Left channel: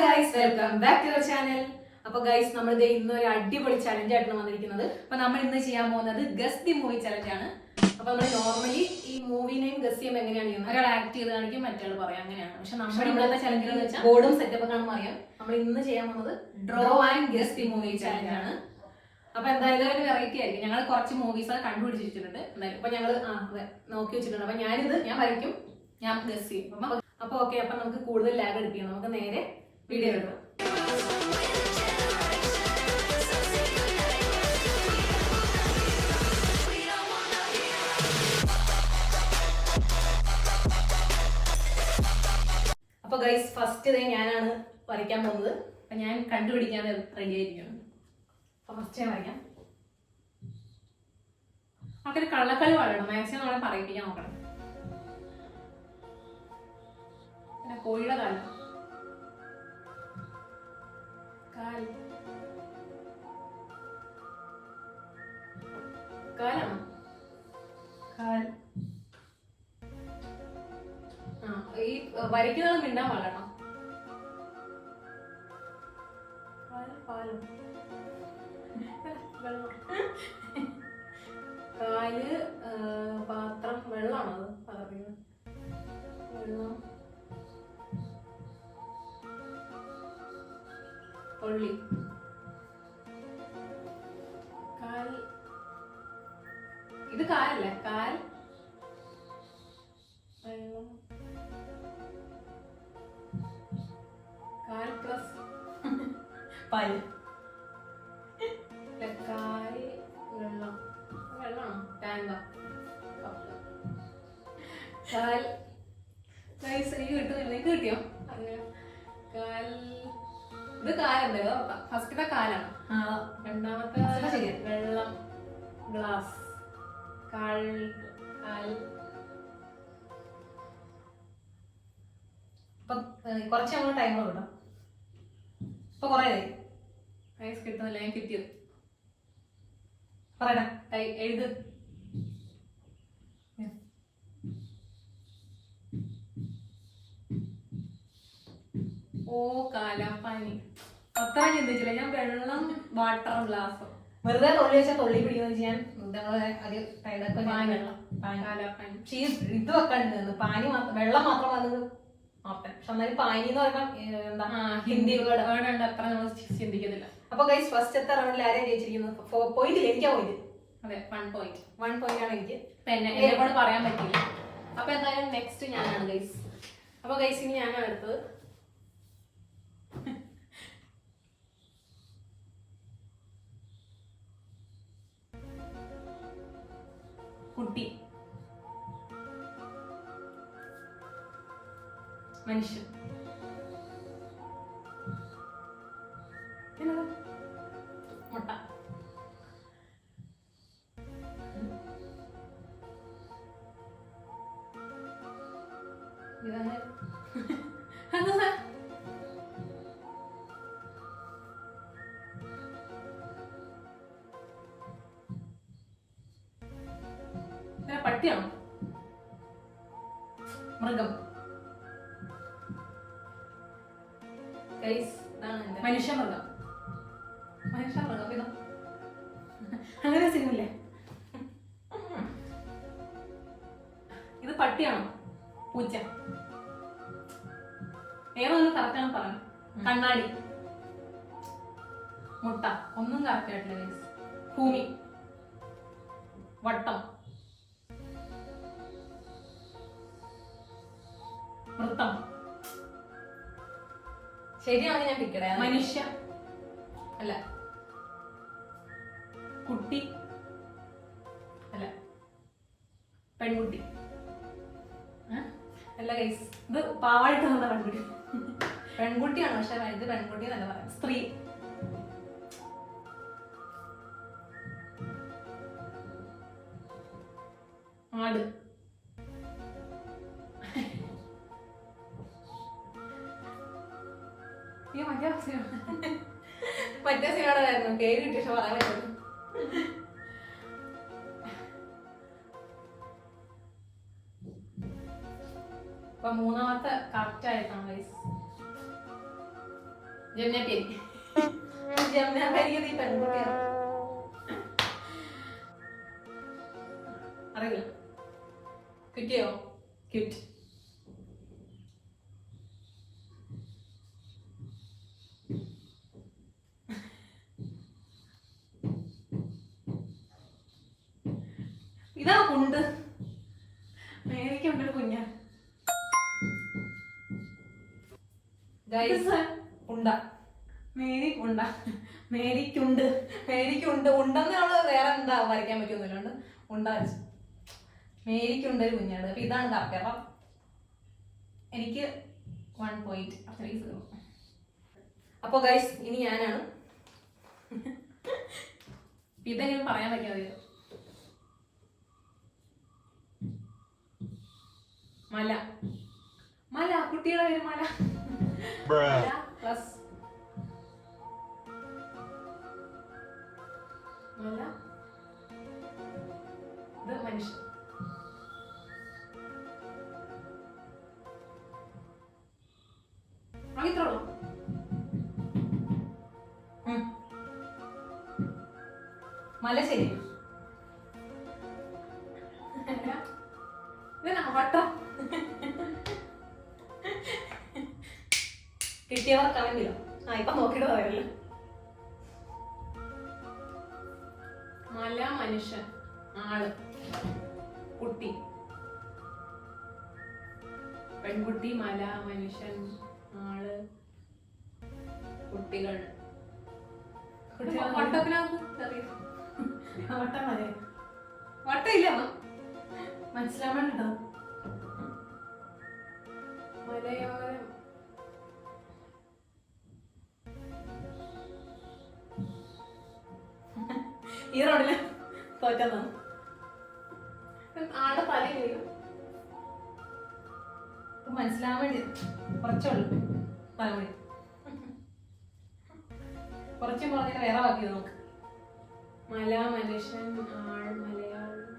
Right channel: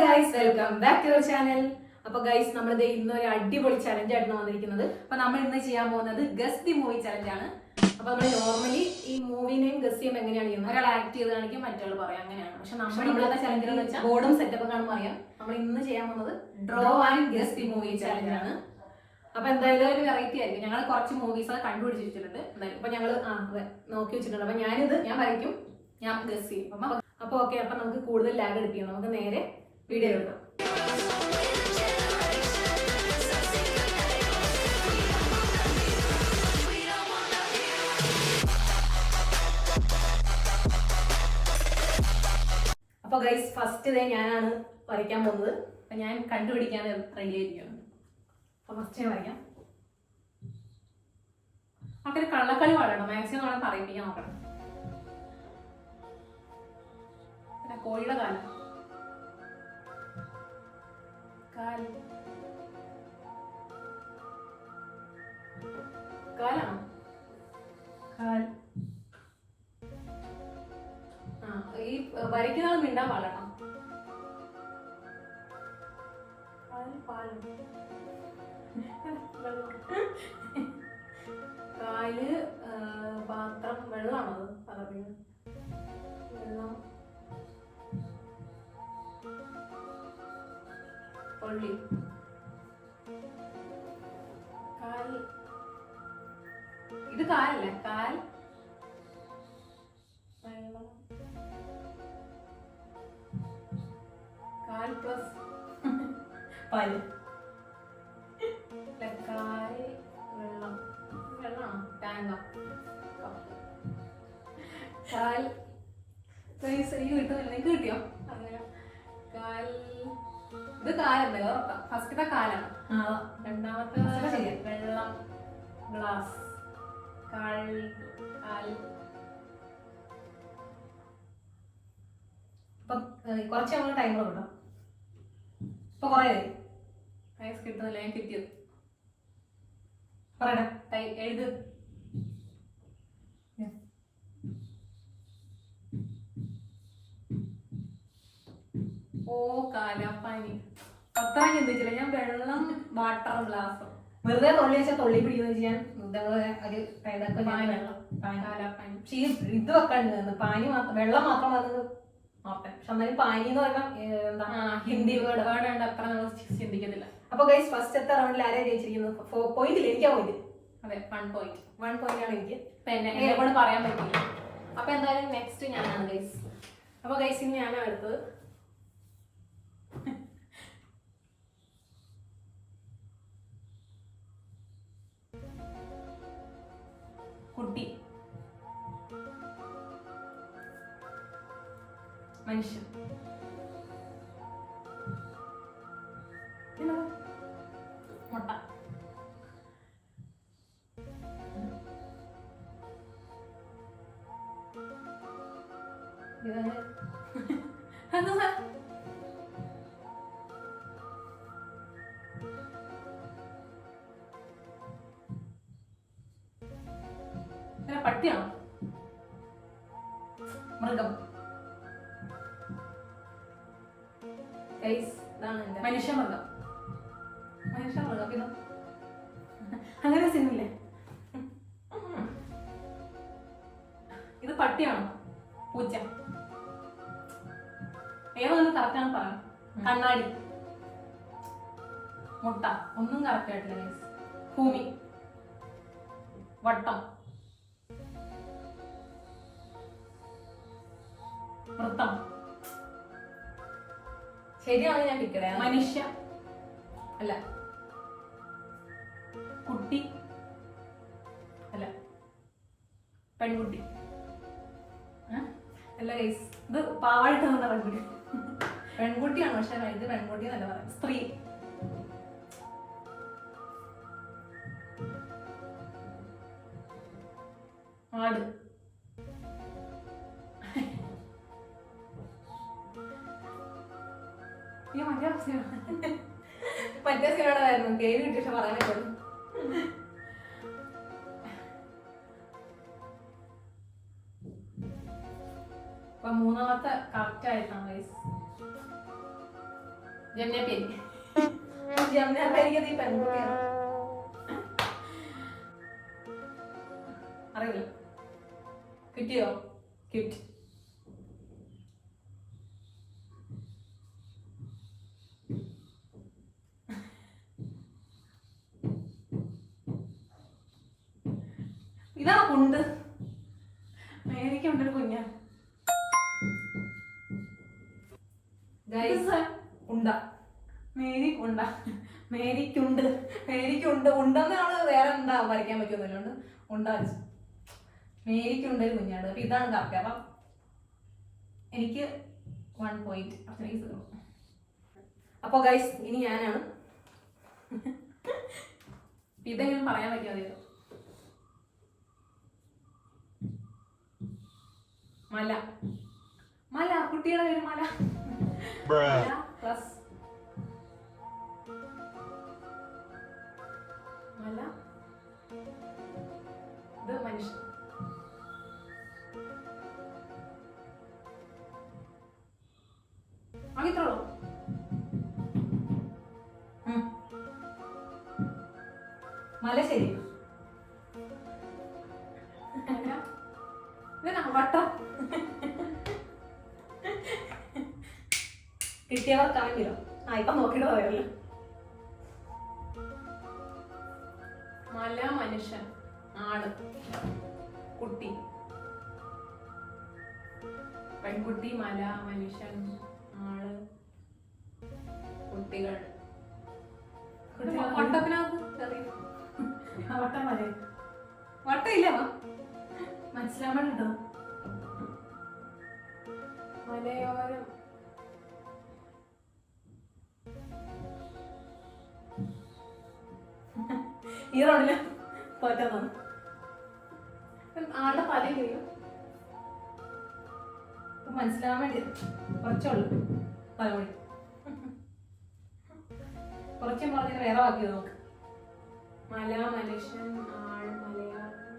Guys, welcome back to your channel. അപ്പൊ guys, നമ്മൾ ഇന്നൊരു അടിപൊളി ചലഞ്ച് ആയിട്ടാണ് വന്നിരിക്കുന്നത്. അപ്പൊ നമ്മൾ ഇന്ന് ചെയ്യാൻ പോകുന്നത് ഗസ് ദി മൂവി ചലഞ്ച് ആണ്. അപ്പൊ നമ്മൾ നോർമലി ഈ മൂവിനെയും ഗസ് ചെയ്യുമ്പോൾ എങ്ങനെയാണ് ചെയ്യുന്നത്? ഒരാൾ ആക്ട് ചെയ്ത് കാണിക്കും, മറ്റൊരാൾ പറയാം, അങ്ങനെയാണ്. പക്ഷെ നമ്മളെ ചലഞ്ച് എന്ന് വെച്ചാൽ ബോർഡും സെറ്റപ്പ് കാണുമ്പോൾ അറിയാം. നമ്മൾ ഇന്ന് ചെയ്യാൻ പോകുന്നത് draw and guess the movie challenge ആണ്. അപ്പൊ എന്തായാലും ഒരു വെറൈറ്റി ആയിരിക്കും. ഞങ്ങൾ കുറച്ച് മൂവീസ് കണ്ടുപിടിച്ചിട്ടുണ്ട്. എന്തായാലും അപ്പൊ ഞങ്ങൾ നോക്കി വെച്ചിട്ടുണ്ട്. അപ്പൊ ഞാൻ വരയ്ക്കും, ഞാൻ ഗസ് ചെയ്യും. അപ്പൊ ഓക്കെ, അപ്പൊ നമുക്ക് കൂടുതൽ ലാഗ് എടുപ്പിക്കാം. നമുക്ക് നേരെ വീഡിയോ എടുക്കാം. അപ്പൊ ഗൈസ്, ഫസ്റ്റ് ഞാനാണ് വരയ്ക്കാൻ പോകുന്നത്. അപ്പൊ ഞാൻ കണ്ടുപിടിക്കാൻ റെഡി ആയിരിക്കണം. അപ്പൊ ഫസ്റ്റ് ഞാൻ വരയ്ക്കാം. നമുക്കൊരു കള്ളക്കളി വളരണം, മാക്സിമം നമ്മളെ പറയിപ്പിക്കാൻ നോക്കണം. പിന്നെ കോഴിയുടെ കാലം, കാലാണ് ഈ വരയ്ക്കുന്നത് മിണ്ടാൻ പാടണം. കാല് പാത്രം, വെള്ളമാണോ പറയുന്നത്? വെള്ളം, കൊള്ളി, കാൽ. ഇത് കാലല്ല, കാൽ, വെള്ളം, കാൽ പ്ലസ് പാല്, കാൽ, വെള്ളം, വെള്ളമാണോ? ടാങ്ക, കാൽ. എനിക്ക് കിട്ടുന്നില്ല, നിങ്ങൾക്ക് കിട്ടിയോ? കാൽ. ഇത് കാലെന്തല്ലോ, ഫസ്റ്റത്തെ കാലാണ്. രണ്ടാമത്തെ വെള്ളം, ഗ്ലാസ്, കാൽ. ഇപ്പൊ കുറച്ച് നമ്മൾ ടൈമർ കിട്ടും. ഇപ്പൊ കൊറേ കിട്ടുന്നില്ല, ഞാൻ കിട്ടിയത് പറയണ എഴുത്. ഓ കാലാപ്പാനി. അത്ര ചിന്തിച്ചില്ല ഞാൻ. വെള്ളം, വാട്ടർ, ഗ്ലാസ്. വെറുതെ തൊള്ളി വെച്ചാൽ തൊള്ളി പിടിക്കുന്ന ഞാൻ ഒരു വെള്ളം, കാലാപ്പാനി. പക്ഷെ ഇത് വെക്കാണ്ട് പാനി മാത്രം, വെള്ളം മാത്രം വന്നത് ഓർത്തെ. പക്ഷെ എന്നാലും പാനി എന്ന് പറയുമ്പോൾ എന്താ ഹിന്ദി വേർഡ് ഉണ്ട്, അത്ര നമ്മൾ ചിന്തിക്കുന്നില്ല. അപ്പൊ ഗൈസ്, ഫസ്റ്റത്തെ റൗണ്ടിൽ ആരാ ജയിച്ചിരിക്കുന്നത്? പോയിന്റ് ഇല്ല, എനിക്കാ പോയിന്റ്. അതെ, 1 പോയിന്റ്. 1 പോയിന്റ് ആണ് എനിക്ക്. പിന്നെ എന്നെ കൊണ്ട് പറയാൻ പറ്റില്ല. അപ്പൊ എന്തായാലും നെക്സ്റ്റ് ഞാനാണ് ഗൈസ്. അപ്പൊ ഗൈസ്, ഇനി ഞാനാണ് എടുത്തത്. കുട്ടി, മനുഷ്യൻ, മുട്ട, പട്ടിയാണോ? മൃഗം, മനുഷ്യമൃഗം. മനുഷ്യമൃഗം ഇത് അങ്ങനെ സിനിമയില്ലേ? ഇത് പട്ടിയാണോ? പൂച്ച. ഏതൊന്നും കറക്റ്റാണ് പറയാം. കണ്ണാടി, മുട്ട, ഒന്നും കറക്റ്റ് ആയിട്ടില്ല. ഭൂമി, വട്ടം, വൃത്തം. ശരിയാണ്, ഞാൻ പിക്കട. മനുഷ്യ അല്ല, കുട്ടി അല്ല, പെൺകുട്ടി അല്ല ഗൈസ്, ഇത് പാവായിട്ട് വന്ന പെൺകുട്ടി. പെൺകുട്ടിയാണ്, പക്ഷെ ഇത് പെൺകുട്ടി എന്നല്ല പറയാം. സ്ത്രീ, ആട്, മറ്റേ സിനിമയുടേതായിരുന്നു, പേര് കിട്ടിയ പക്ഷെ പറയാൻ പറ്റുള്ളൂ. അപ്പൊ മൂന്നാമത്തെ കറക്റ്റ് ആയിട്ടാണ് ഗൈസ്. ജമുനാപ്പേരി. ജമുനാപ്പേരിക്ക് നീ പെൺകുട്ടിയാണ്. അറിയില്ല. കിട്ടിയോ? കിട്ടി. ഇതാണ് കുണ്ട്. മേരിക്കുണ്ടൊരു കുഞ്ഞ ഉണ്ട. മേരിക്കുണ്ട. മേരിക്കുണ്ട്. മേരിക്കുണ്ട്. ഉണ്ടെന്ന് നമ്മള് വേറെ എന്താ വരയ്ക്കാൻ പറ്റുന്നില്ലോണ്ട് ഉണ്ട വരച്ചു. മേരിക്കുണ്ട് ഒരു കുഞ്ഞാണ്. അപ്പൊ ഇതാണ് കറക്റ്റ്. അപ്പൊ എനിക്ക് 1 പോയിന്റ്. അപ്പൊ ഗൈസ് ഇനി ഞാനാണ്. ഇതെങ്കിലും പറയാൻ പറ്റിയോ? മല. മല. കുട്ടിയുടെ പേര് മല. പ്ലസ് മല. ഇത് മനുഷ്യൻ. അങ്ങനത്തോളൂ. മല ശരി. വട്ടം. കിട്ടിയവർ കമന്റ് ചെയ്യോ? ഇപ്പൊ നോക്കിയിട്ട് പറയല്ലോ. മല, മനുഷ്യൻ, ആള്, കുട്ടി, പെൺകുട്ടി, മല, മനുഷ്യൻ, ആള്, കുട്ടികൾ. വട്ടത്തിനകത്ത് വട്ടം മല. വട്ടം ഇല്ല മനസ്സിലാവാൻ കേട്ടോ. മലയോരം. ഈ റോഡില് തോറ്റാന്നാണ്. ആളുടെ പല കഴിയും മനസ്സിലാവാൻ വേണ്ടി കുറച്ചുള്ളൂ. പലമണി കുറച്ചും പറഞ്ഞിട്ട് വേറെ ബാക്കി നമുക്ക്. മല, മനുഷ്യൻ, ആൾ, മലയാളം,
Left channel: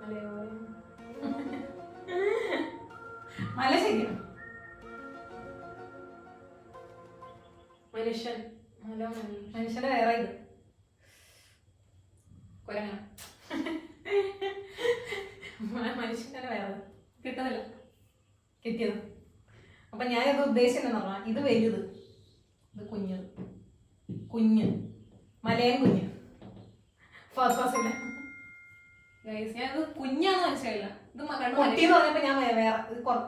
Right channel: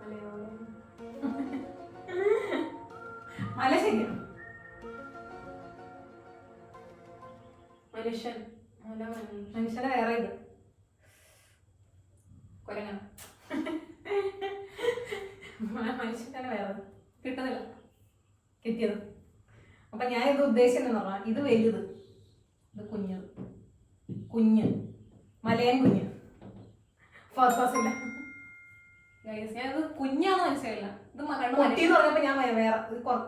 മലയോരം. മല ശരിയാണ്. മനുഷ്യൻ. മല, മനുഷ്യന്റെ വേറെ ഇത് കൊരങ്ങ. മനുഷ്യന്റെ വേറെ കിട്ടുന്നില്ല. കിട്ടിയത്. അപ്പൊ ഞാനിത് ഉദ്ദേശിച്ചെന്ന് പറഞ്ഞാൽ ഇത് വലുത്, ഇത് കുഞ്ഞത്. കുഞ്ഞ് മലയൻ കുഞ്ഞ്. ഇല്ല ഞാനിത് കുഞ്ഞാന്ന് മനസ്സിലായില്ല. ഇത് കുട്ടി എന്ന് പറഞ്ഞപ്പോ ഞാൻ വേറെ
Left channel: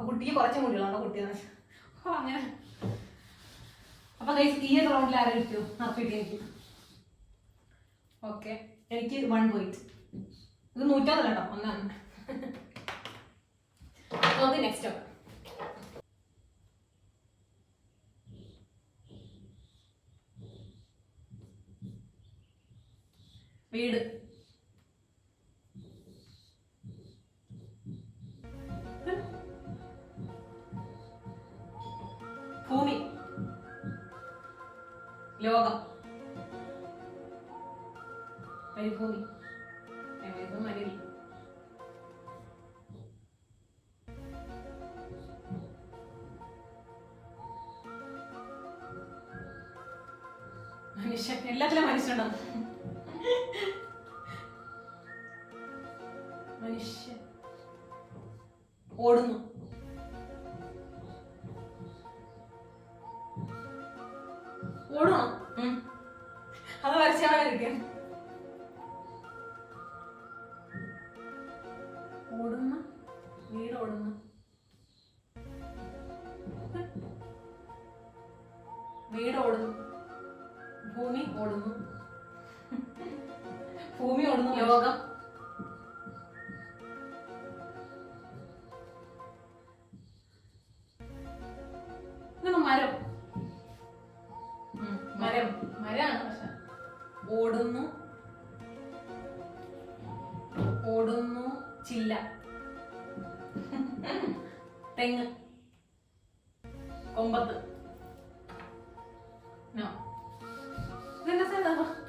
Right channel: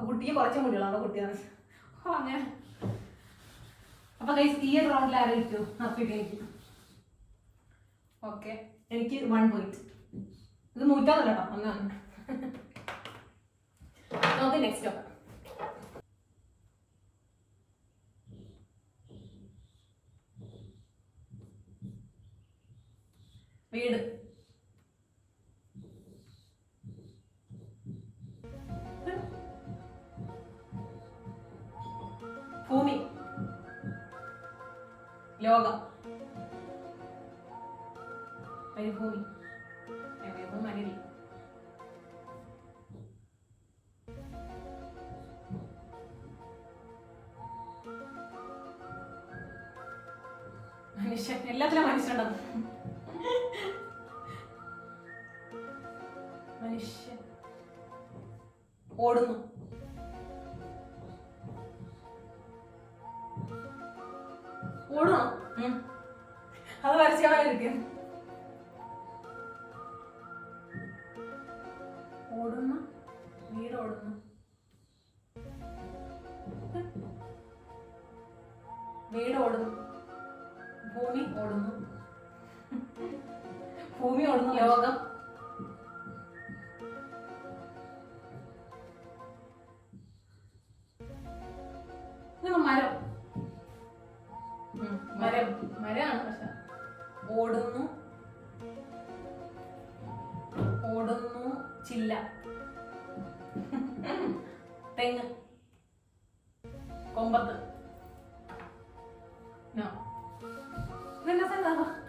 കുട്ടിക്ക് കുറച്ച് മുടികളാണോ കുട്ടിയാന്ന് അങ്ങനെ. അപ്പൊ ഈ റൗണ്ടിൽ ആരും ഇട്ടു നടത്തിയിട്ടേക്ക്. ഓക്കെ എനിക്ക് 1 പോയിന്റ്. ഇത് 100 കേട്ടോ. ഒന്നാണ്. നമുക്ക് നെക്സ്റ്റ് നോക്കാം. വീട്. ഭൂമി. ലോകം. മരുഭൂമി. മരുഭൂമി. മനുഷ്യൻ. എല്ലാത്തിലും മനുഷ്യനുണ്ടാവും. മനുഷ്യൻ ഓടുന്നു. ഓടണോ? അത് വരച്ചാൽ ഓടുന്ന വീട്. ഓടുന്നു. വീട് ഓടുന്നു. ഭൂമി ഓടുന്നു. ഭൂമി ഓടുന്നു. ലോകം. മരം. മരമാണ് പക്ഷെ ഓടുന്നു. ഓടുന്നു. ചില്ല. തെങ്ങ്. കൊമ്പത്ത്.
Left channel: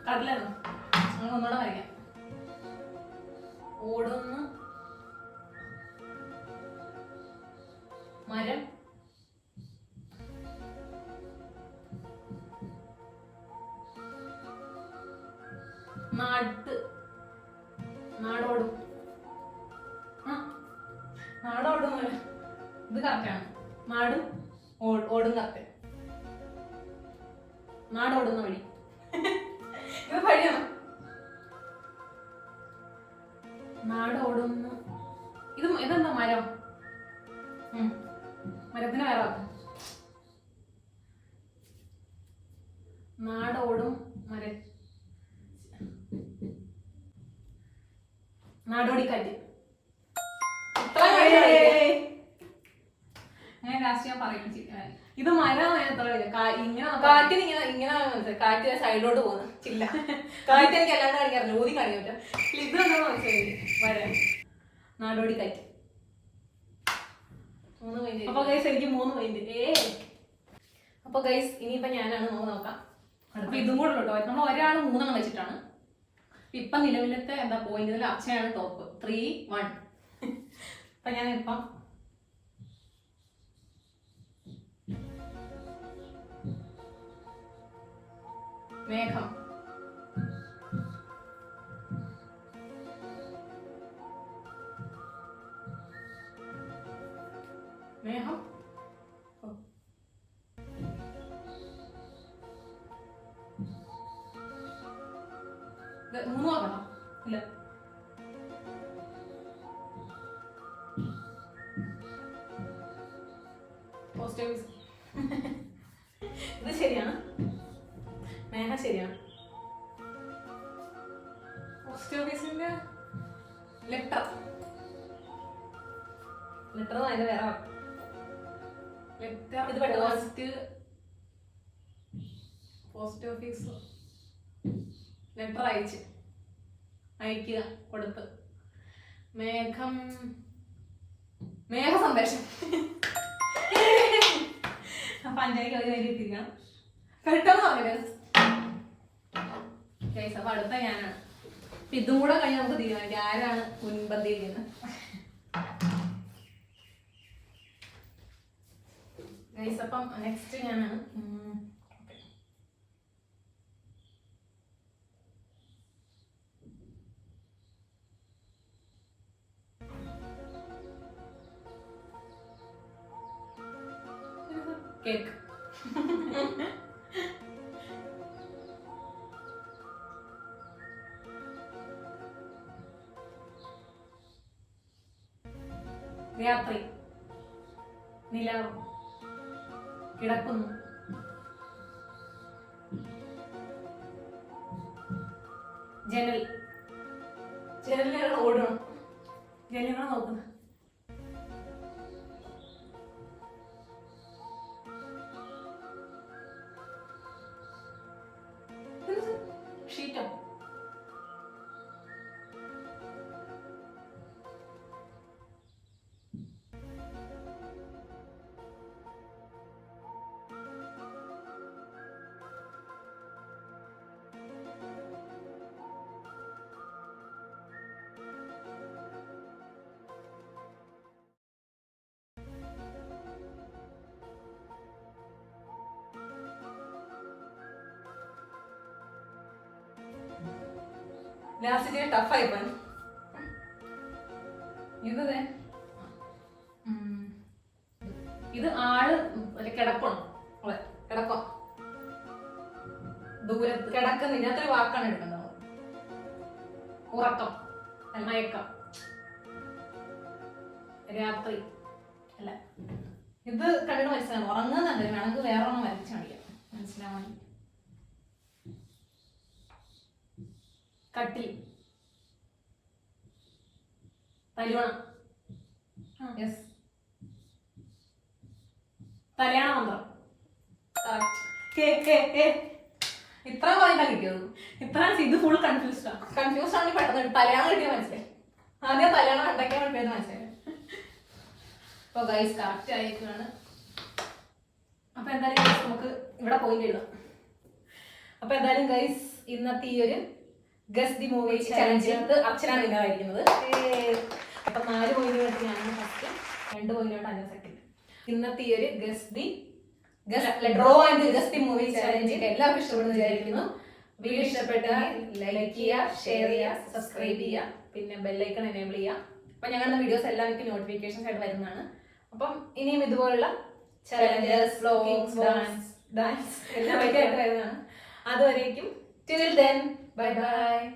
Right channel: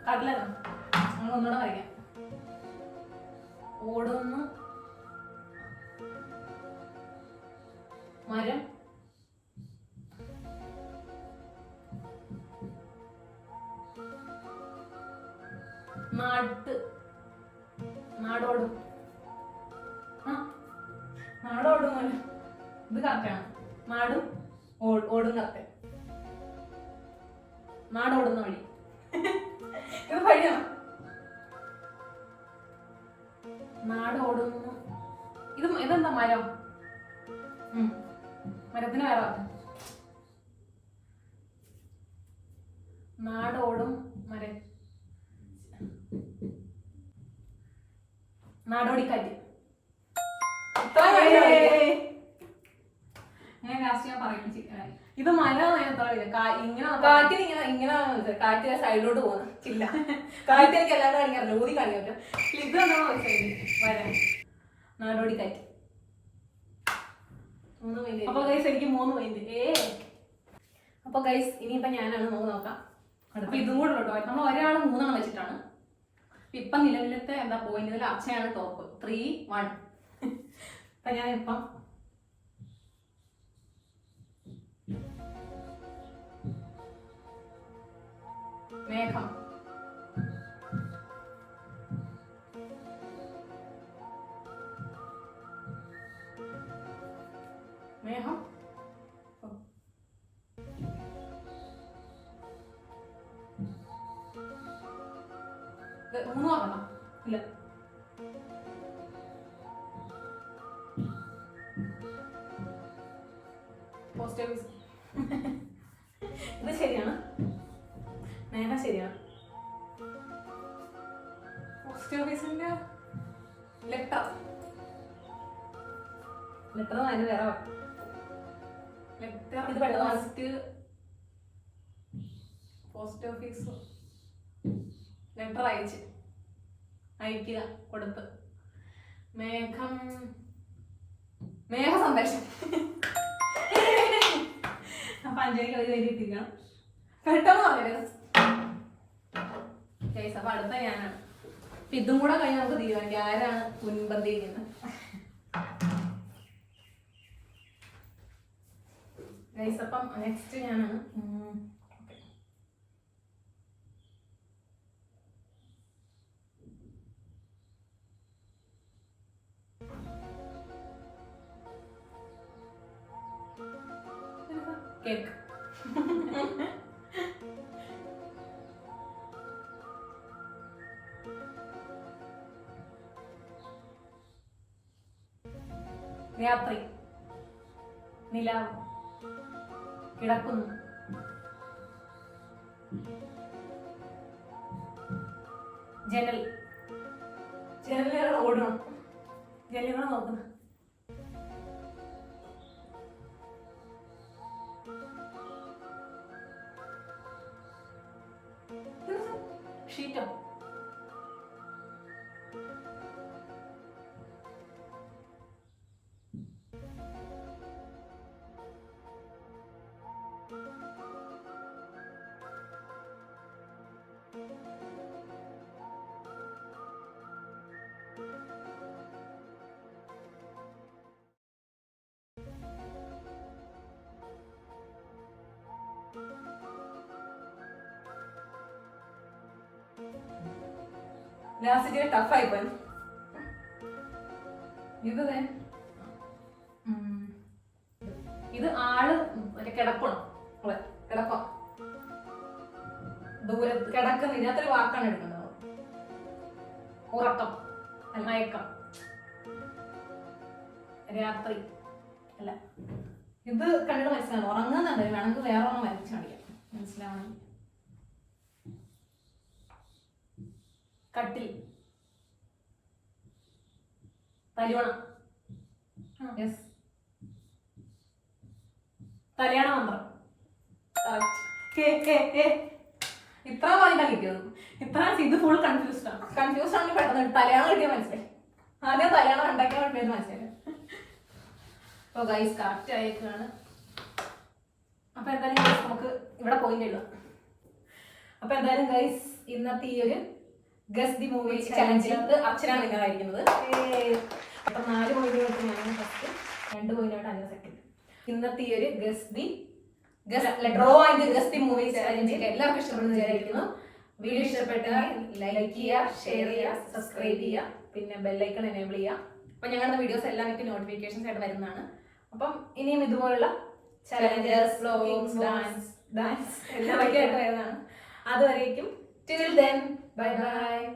കടലാണ്. നമ്മൾ ഒന്നുകൂടെ വരയ്ക്കാം. ഓടുന്നു. മരം. നാടോടും. നാടോടും ഇത് കറക്റ്റാണ്. നാടും ഓടും കറക്റ്റ്. നാടോടുന്ന വഴി. ഇത് വഴിയാണ്. നാടോടുന്ന ഇതെന്താ മരം? മരത്തിന് വേറെ നാടോടും നാടോടിക്കാറ്റ്. ഞാൻ ലാസ്റ്റ് ഞാൻ പറയും ഇത് മരം ഇങ്ങനെ കാറ്റിന് ഇങ്ങനെ കാറ്റ് സൈഡിലോട്ട് പോകുന്നു. ഇല്ല കാറ്റ് എനിക്ക് എല്ലാവരും കാണിക്കാറില്ല, ഊതി കാണിക്കാൻ പറ്റും. ഇത് വരാൻ നാടോടിക്കാറ്റ്. അപ്പൊ ഗൈസ് എനിക്ക് 3 പോയിന്റ്. അപ്പൊ ഗൈസ് ഇനിയിപ്പൊ ഞാനാണ് നോക്കാം. അപ്പൊ ഇതും കൂടെ കേട്ടോ, നമ്മൾ ഒരാൾ 3 വെച്ചിട്ടാണ്. ഇപ്പൊ നിലവിലത്തെ എന്താ പോയിന്റ്, അക്ഷയാണ് ടോപ്പ്. 3-1. അപ്പൊ ഞാൻ ഇപ്പം മേഘം. മേഘം. 3 ആകണം. ഇല്ല പോസ്റ്റ് ഓഫീസ്. ഇത് ശരിയാണ്. മേഘം ശരിയാണ്. പോസ്റ്റ് ഓഫീസിന്റെ ലെറ്റർ അതിന് വേറെ ലെറ്റർ. ഇത് പോസ്റ്റ് ഓഫീസ് ലെറ്റർ അയക്കുക കൊടുത്ത്. മേഘം മേഘ സന്ദേശം. അപ്പൊ അഞ്ചരയ്ക്ക് ഒരു വരി എത്തിക്കണം. പെട്ടെന്ന് പറയരുത്. അപ്പൊ അടുത്ത ഞാനാണ്. അപ്പൊ ഇതും കൂടെ കഴിഞ്ഞ് നമുക്ക് തീരുമാനിക്കാം ആരാണ് മുൻപന്തിയിരിക്കുന്നത്. അപ്പം നെക്സ്റ്റ് ഞാനാണ്. കേക്ക്. രാത്രി. നിലാവ്. കിടക്കുന്നു. ജനൽ. ജനലുകൾ ഓടണം. ജനലുകൾ നോക്കണം. ഷീറ്റോ. ലാസ്റ്റ് ടഫായി പോയി. ഇത് ആള് കിടക്കണം. കിടക്കം. ദൂരത്ത് കിടക്കുന്ന ഇതിനകത്തൊരു വാക്കാണ് എടുക്കേണ്ടത്. ഉറക്കം. മയക്കം. രാത്രി. അല്ല ഇത് കണ്ടു മനസ്സിലാണ്. ഉറങ്ങുന്നുണ്ട്. വേണമെങ്കിൽ വേറെ ഒന്നും വരച്ചു കാണിക്കാം മനസ്സിലാവാൻ. കട്ടിൽ. തലിവണം. കല്യാണ മന്ത്രം. ഇത്ര പോയിന്റാ കിട്ടിയത്. ഇത്ര ഇത് ഫുൾ കൺഫ്യൂസ്ഡ് ആണെങ്കിൽ പെട്ടെന്ന് തലയാണം കിട്ടിയ മനസ്സിലായി. ആദ്യം തലയാണം ഉണ്ടാക്കിയ വേണ്ടി മനസ്സിലായി. അപ്പൊ ഗൈസ് കറക്റ്റ് ആയിരിക്കാണ്. അപ്പൊ എന്തായാലും നമുക്ക് ഇവിടെ പോയിന്റ് എഴുതാം. അപ്പൊ എന്തായാലും ഗൈസ് ഇന്നത്തെ ഈ ഒരു ഗസ് ദി മൂവി ചലഞ്ചിനകത്ത് അർച്ചനാണ് വിന്നറായിരിക്കുന്നത്. അപ്പൊ 4 പോയിന്റുമായിട്ട് ഞാൻ ഫസ്റ്റ്, 2 പോയിന്റുമായിട്ട് 5 സെക്കൻഡ്. ഇന്നത്തെ ഈ ഒരു draw and guess the movie challenge എല്ലാവർക്കും ഇഷ്ടപ്പെടുന്നു വിചാരിക്കുന്നു. വീഡിയോ ഇഷ്ടപ്പെട്ടാൽ ലൈക്ക് ചെയ്യുക, ഷെയർ ചെയ്യുക, സബ്സ്ക്രൈബ് ചെയ്യുക, പിന്നെ ബെല്ലൈക്കൺ എനേബിൾ ചെയ്യുക. അപ്പൊ ഞങ്ങളുടെ വീഡിയോസ് എല്ലാം നിങ്ങൾക്ക് നോട്ടിഫിക്കേഷൻസ് ആയിട്ട് വരുന്നതാണ്. അപ്പം ഇനിയും ഇതുപോലുള്ള ചലഞ്ചസ്, വ്ലോഗ്സ്, ഡാൻസ് എല്ലാം ആയിട്ട് വരുന്നതാണ്. അതുവരേക്കും till then, bye bye.